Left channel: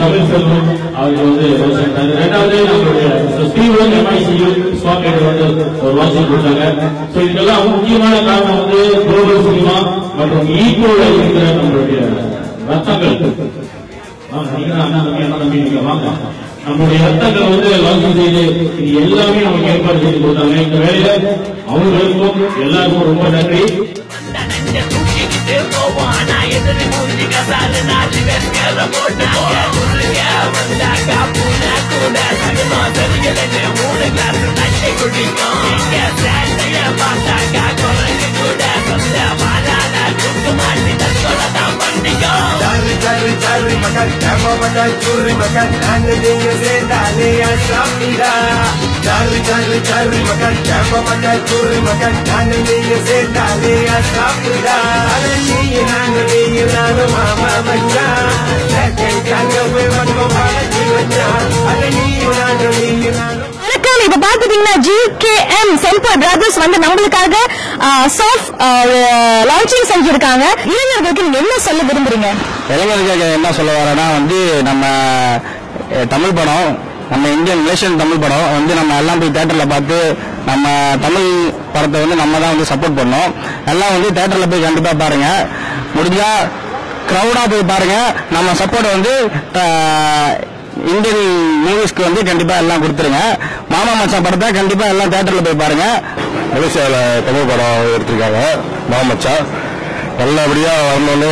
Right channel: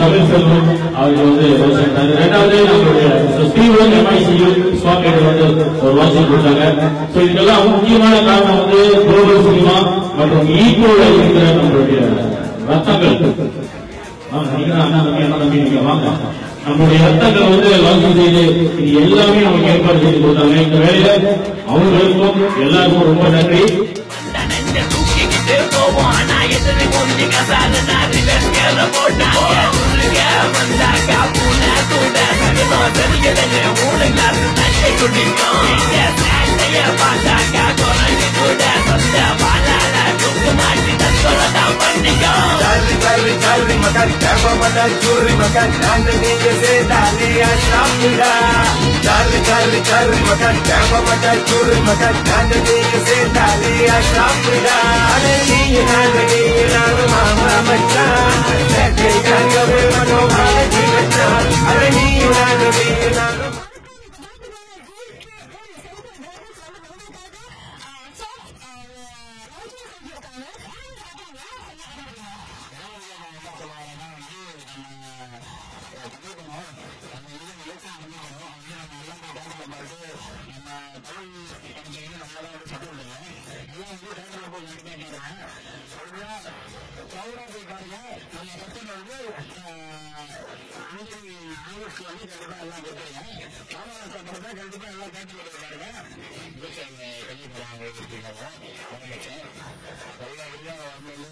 தமிழ் செல்வம் அவருக்கு வந்து ரெண்டாவது நம்மளுடைய ஸ்டீவன் MICU ஸ்பாட் வந்து ஒரு வாட்சிங் கொடுத்தாங்க. இதுக்கெல்லாம் முக்கியமான காரணம் வந்து குளோபல் சினிமா மற்றும் ஈக்குவலா இருக்கிற நம்மளுடைய ரத்தங்கள். வாங்க, நம்முடைய ரத்தங்கள் வந்து லான்ச் செய்து இது எல்லாமே நமக்கு ஏற்பாடு செய்து கொடுத்தாங்க. இந்த வேலையில அவங்களுக்கும் எல்லாருக்கும் ரொம்ப நன்றி. Cari makan, kamu pada curi makan, anda dia sedali asapida. Cari makan, kamu pada curi makan, anda dia sedali asapida. Ada dia nanu mama macam, saya kagak bermaksud pada jiwa. Ada dia nanu. இப்ப பாத்துட்டீங்கன்னா GKM செம்பர் brothers வந்து நம்மளுக்காக soft launching செஞ்சிருக்காங்க. இளைஞர்களுக்கு நீங்க என்ன சொல்ல விரும்புறீங்க? இளைஞர்களுக்கு என்ன சொல்ல வரேன்னா வந்து நம்ம தமிழ் படம், நம்ம இந்தியன் நேஷன் தமிழ் படம் வந்து நம்ம எல்லாம் போய் தியேட்டர்ல பார்த்து நம்ம தமிழ் படத்தை வந்து நம்ம தான் வந்து சப்போர்ட் பண்ணோம். எல்லாம் வந்து தியேட்டர்ல போய் கண்டிப்பா பாருங்க. முடிஞ்சா கிரௌடா போய் பாருங்க. நம்ம சப்போர்ட் வந்து இந்தியன் மூவிஸ்க்கு வந்து கண்டிப்பா எல்லாம் கொடுத்துருங்க. மாமா மச்சான் படத்தை கண்டிப்பா எல்லாம் தியேட்டர்ல போய் பாருங்க. மலேசியாவில் தமிழ் படம் எடுத்திருக்காங்க மாமா மச்சான். நல்லபடியா வரணும்னு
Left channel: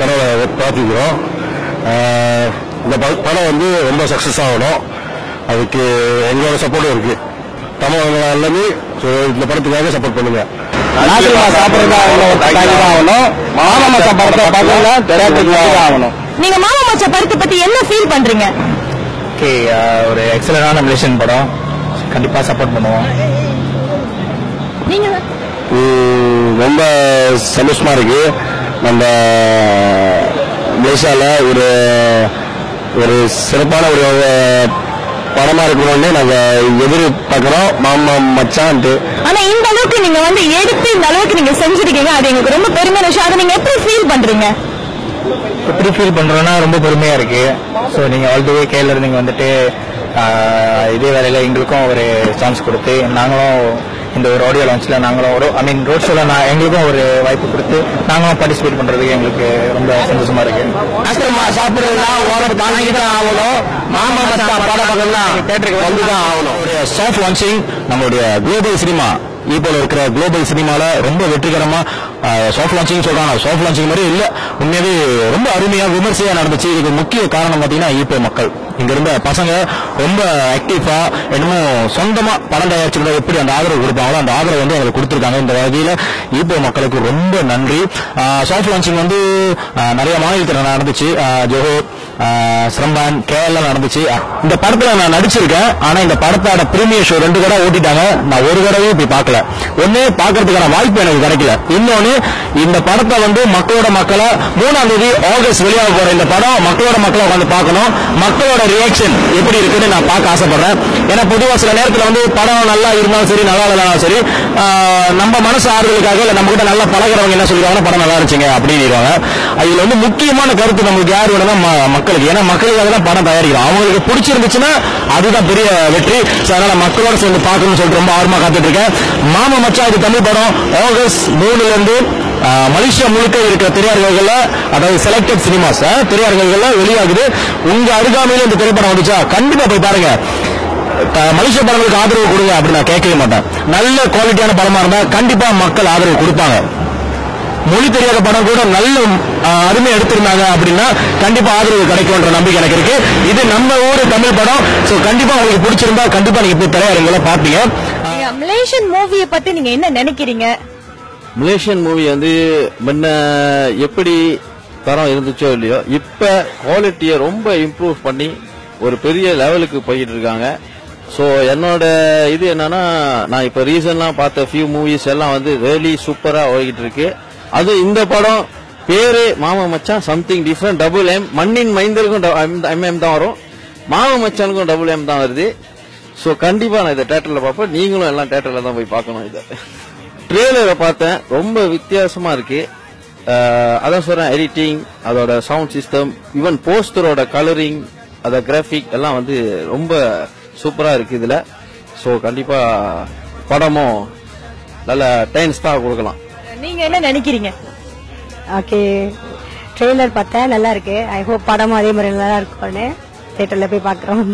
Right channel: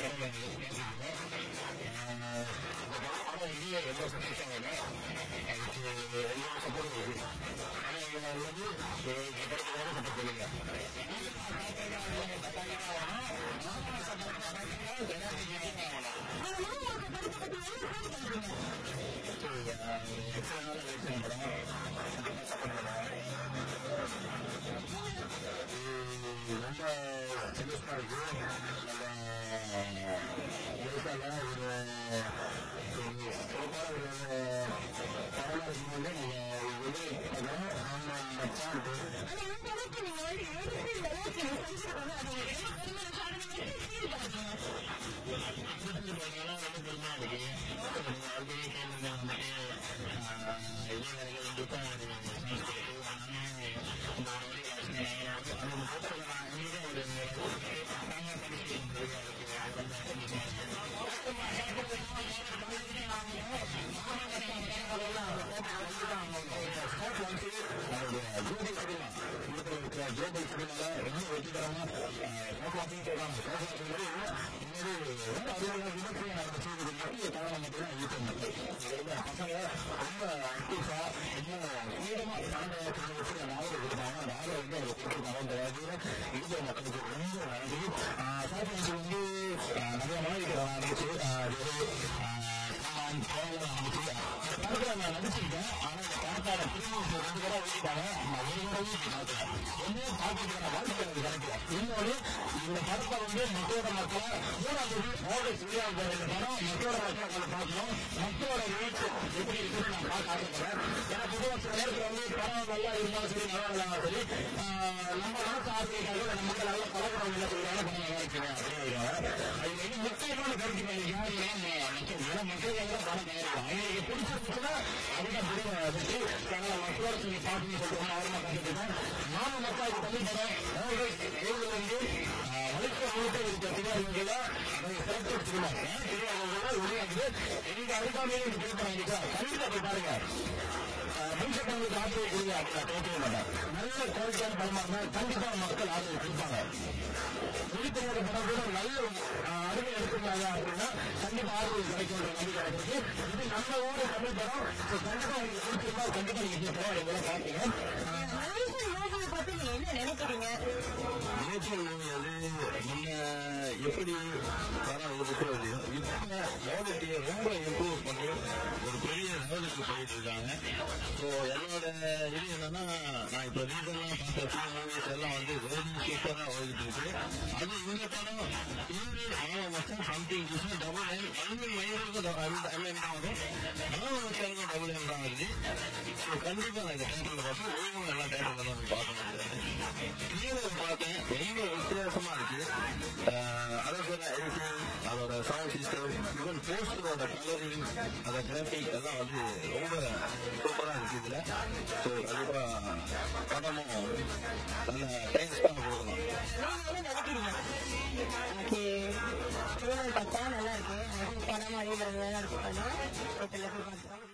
கடவுளை பிரார்த்திக்கிறோம். இந்த படம் வந்து ரொம்ப சக்சஸ் ஆகணும். அதுக்கு எங்களோட சப்போர்ட்டும் இருக்கு. தமிழ் எல்லாமே இந்த படத்துக்காக சப்போர்ட் பண்ணுங்க. நீங்க மாமா மச்சான் படத்தை பத்தி என்ன ஃபீல் பண்றீங்க? ஒரு எக்ஸலன்டான மலேசியன் படம், கண்டிப்பா சப்போர்ட் பண்ணுவோம். நீங்க ரொம்ப சந்தோஷமா இருக்கு. நம்ம மலேசியால ஒரு சிறப்பான ஒரு படமா இருக்கணும்னு நாங்க எதிர்பார்க்கிறோம் மாமா மச்சான்ட்டு. ஆனா இந்த அளவுக்கு நீங்க வந்து எடுத்து இந்த அளவுக்கு நீங்க செஞ்சிருக்கீங்க, அது எங்களுக்கு ரொம்ப பெருமையான விஷயம். அதை நீங்க எப்படி ஃபீல் பண்றீங்க? எப்படி ஃபீல் பண்றோம்னா ரொம்ப பெருமையா இருக்கு. ஸோ நீங்க ஆல்ரெடி கேள்வி நீங்க வந்துட்டு இதே வேலையில எங்களுக்கும் ஒரு சான்ஸ் கொடுத்து நாங்களும் இந்த ஒரு ஆடியோ லான்ச்ல நாங்களும் ரோட் ஷோல எங்களுக்கும் ஒரு வாய்ப்பு கொடுத்து நாங்களும் பார்ட்டிசிபேட் பண்றதுக்கு எங்களுக்கு ரொம்ப சந்தோஷமா இருக்கு. சாஃப்ட் லான்ச்சிங் நம்மளுடைய குளோபல் சினிமா இப்போ இருக்கிற குளோபல் சினிமால ரொம்ப வெற்றிகரமா சாஃப்ட் லான்ச்சிங் சொல்றாங்க. சாஃப்ட் லான்ச்சிங் மாதிரி இல்ல, உண்மையாவே ரொம்ப அருமையா விமர்சையா நடந்துச்சு. இதுக்கு முக்கிய காரணம் பாத்தீங்கன்னா இப்போ மக்கள் இங்க இருந்த பசங்க ரொம்ப ஆக்டிவா என்னமோ சொந்தமா படம் தயாரிச்சுக்கிற எப்படி அந்த ஆதரவு கொடுப்பாங்களோ அந்த ஆதரவு வந்து அவங்களுக்கு கொடுத்துருக்காங்க. இந்த வகையில இப்போ மக்களுக்கு ரொம்ப நன்றி. சாஃப்ட் லான்ச்சிங் வந்து நிறைய மாநிலத்தில் நடந்துச்சு. ஜோஹோ, சிரம்பான், கேரளா நடந்துச்சு. இந்த படத்துல நான் நடிச்சிருக்கேன். ஆனா இந்த படத்தோட பிரீமியர் ஷோ 2 தடவை ஓட்டிட்டாங்க. நான் ஒரு தடவையும் போய் பார்க்கல. ஒண்ணு பார்க்கறதுக்கான வாய்ப்பு எனக்கு கிடைக்கல. இன்னொன்னு இந்த படத்தை வந்து மக்களோட மக்களை 3ஆம் தேதி ஆகஸ்ட் வெளியாக போற இந்த படம் மக்களோட மக்களை உட்காந்து பார்க்கணும். மக்களோட ரியாக்ஷன் எப்படி இருக்குன்னு நான் பார்க்க ஆசைப்படுறேன். ஏன்னா பொதுவா சில நேரத்தில் வந்து படம் நல்லா இருந்தாலும் சரி நல்லா இல்லைனாலும் சரி நம்ம மனசு ஆறுதலுக்காக இல்ல நம்ம கிட்ட நல்லா பழகிறவங்க என்ன சொல்லுவாங்கன்னா படம் நல்லா இருந்துச்சுங்க அப்படின்னு. இதுல வந்து முக்கியமான கருத்து நம்மளுக்கு யார் வேணும்னா மக்களுக்கு. ஏன்னா மக்களுக்காக தான் படம் தயாரிக்கிறோம். அவங்களுக்கு பிடிச்சிருந்துச்சுன்னா அதுதான் பெரிய வெற்றி. அதனால மக்களோட சேர்ந்து பார்க்கணும்னு சொல்லிட்டு ரொம்ப ஆர்வமா காத்துட்டு இருக்கேன். மாமா மச்சான் இது தமிழ் படம் ஆகஸ்ட் 3ல இருந்து மலேசியா முழுக்க இருக்கிற திரையரங்குகள்ல, அதாவது செலக்டட் சினிமாஸ் திரையரங்குகள்ல வெளியாகுது. உங்க அருகாமையில இந்த திரைப்படம் வந்துச்சா கண்டிப்பா போய் பாருங்க. மலேசிய படங்களுக்கு ஆதரவு கொடுங்க அப்படின்னு நான் கேட்கவே மாட்டேன். நல்ல குவாலிட்டியான படமா இருந்தா கண்டிப்பா மக்கள் ஆதரவு கொடுப்பாங்க. மொழி தெரியாத படம் கூட நல்ல அருமை எடுத்திருந்தாங்க அப்படின்னா கண்டிப்பா ஆதரவு கிடைக்கும்ன்ற நம்பிக்கை எனக்கு இருக்கு. இது நம்ம ஊரு தமிழ் படம். சோ கண்டிப்பா உங்களுக்கு பிடிச்சிருந்தா கண்டிப்பா நீங்க போய் திரையரங்குல பாப்பீங்க. மலேசியன் மூவியை பத்தி நீங்க என்ன நினைக்கிறீங்க? மலேசியன் மூவி வந்து முன்ன எப்படி தரம் இருந்துச்சோ இல்லையோ இப்ப குவாலிட்டியை ரொம்ப இம்ப்ரூவ் பண்ணி ஒரு பெரிய லெவலுக்கு போயிட்டு இருக்காங்க. ஸோ என்னோட இது என்னன்னா நான் இப்ப ரீசன்லாம் பார்த்த ஃபியூ மூவிஸ் எல்லாம் வந்து ரியலி சூப்பரா ஓடிட்டு இருக்கு. அது இந்த படம் பேரு மாமா மச்சான் சம்திங் டிஃபரெண்ட். டபுள் எம் மண்ணின் மைந்தருக்கும் MM தான் வரும், மாமா மச்சானுக்கும் டபுள் M தான் வருது. ஸோ கண்டிப்பா நான் இதை தியேட்டர்ல பார்ப்பேன். நீங்களும் எல்லாம் தியேட்டர்ல தான் போய் பார்க்கணும். இதை ட்ரெய்லரை பார்த்தேன், ரொம்ப வித்தியாசமா இருக்கு. அதான் சொல்றேன், எடிட்டிங், அதோட சவுண்ட் சிஸ்டம், ஈவன் போஸ்டரோட கலரிங், அத கிராஃபிக் எல்லாம் வந்து ரொம்ப சூப்பரா இருக்கு இதுல. ஸோ கண்டிப்பா படமும் நல்ல 10 ஸ்டார் கொடுக்கலாம். நீங்க என்ன நினைக்கிறீங்க? ஓகே, ட்ரெய்லர் பார்த்தேன், நல்லா இருக்கு. ஐ ஹோப் படமும் அதே மாதிரி நல்லா இருக்கும்னு தியேட்டர்ல போய் பார்க்குறோம்.